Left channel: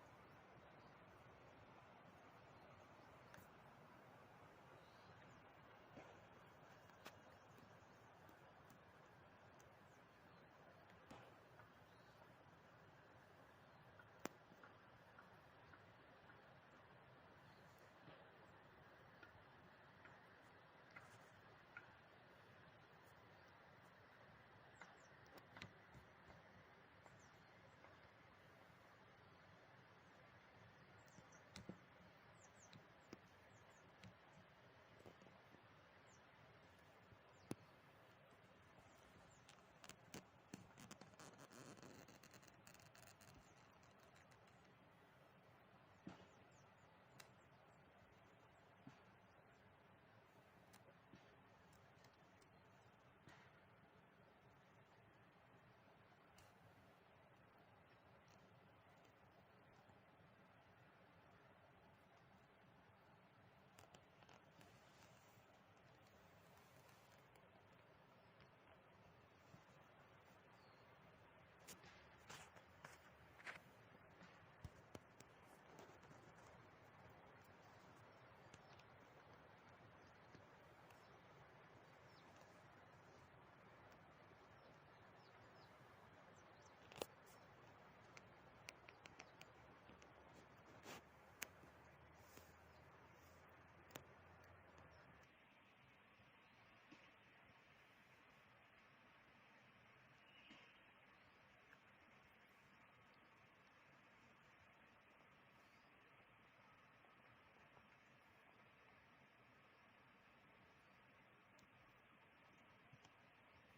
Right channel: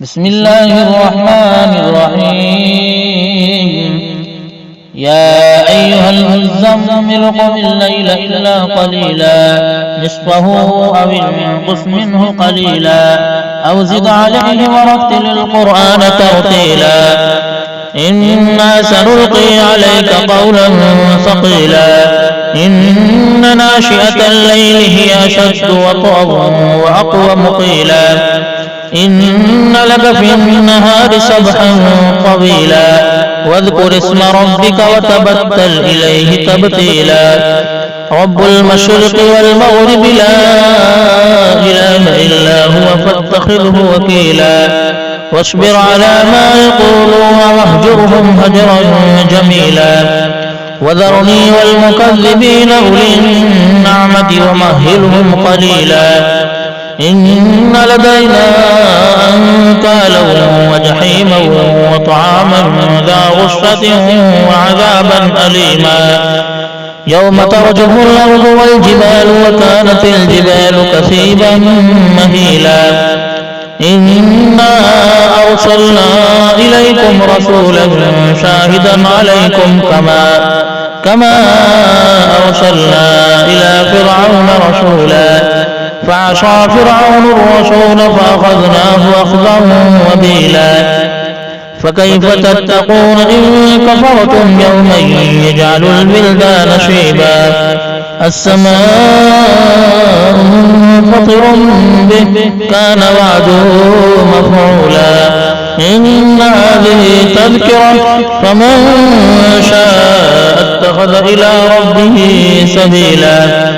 بسم الله الرحمن الرحيم يا أيها المزمل قم الليل إلا قليلا نصفه أو انقص منه قليلا أو زد عليه ورتل القرآن ترتيلا إنا سنلقي عليك قولا ثقيلا إن ناشئة الليل هي أشد وطئا وأقوم قيلا إن لك في النهار سبحا طويلا واذكر اسم ربك وتبتل إليه تبتيلا رب المشرق والمغرب لا إله إلا هو فاتخذه وكيلا واصبر على ما يقولون واهجرهم هجرا جميلا وذرني والمكذبين أولي النعمة ومهلهم قليلا إن لدينا أنكالا وجحيما وطعاما ذا غصة وعذابا أليما يوم ترجف الأرض والجبال وكانت الجبال كثيبا مهيلا إنا أرسلنا إليكم رسولا شاهدا عليكم كما أرسلنا إلى فرعون رسولا فعصى فرعون الرسول فأخذناه أخذا وبيلا فكيف تتقون إن كفرتم يوما يجعل البلدان شيبا السماء منفطر به كان وعده مفعولا إن هذه تذكرة فمن شاء اتخذ إلى ربه سبيلا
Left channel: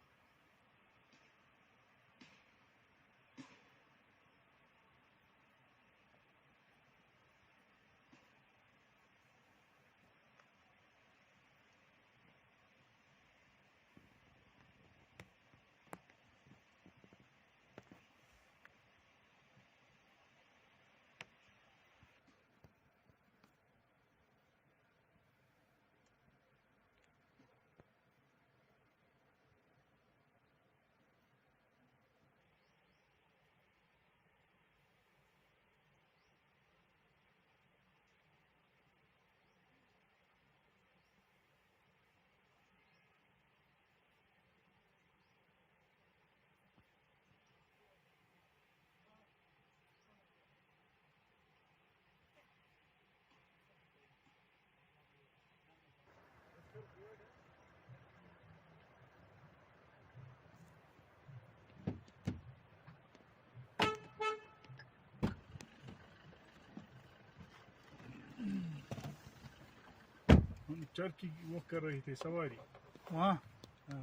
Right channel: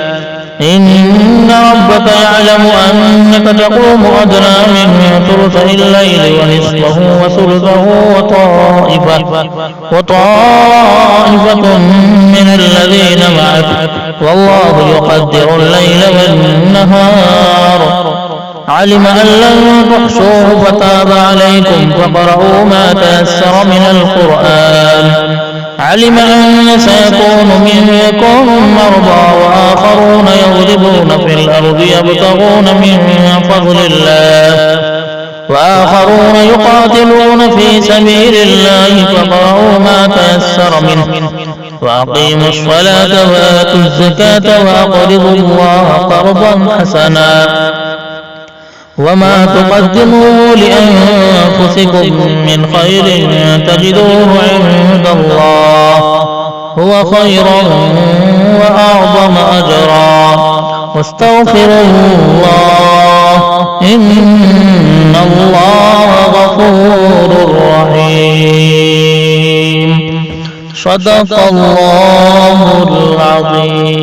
إن ربك يعلم أنك تقوم أدنى من ثلثي الليل ونصفه وثلثه وطائفة من الذين معك والله يقدر الليل والنهار علم أن لن تحصوه فتاب عليكم فاقرؤوا ما تيسر من القرآن علم أن سيكون منكم مرضى وآخرون يضربون في الأرض يبتغون من فضل الله وآخرون يقاتلون في سبيل الله فاقرؤوا ما تيسر منه وأقيموا الصلاة وآتوا الزكاة وأقرضوا الله قرضا حسنا وما تقدموا لأنفسكم من خير تجدوه عند الله هو خيرا وأعظم أجرا واستغفروا الله إن الله غفور رحيم صدق الله العظيم.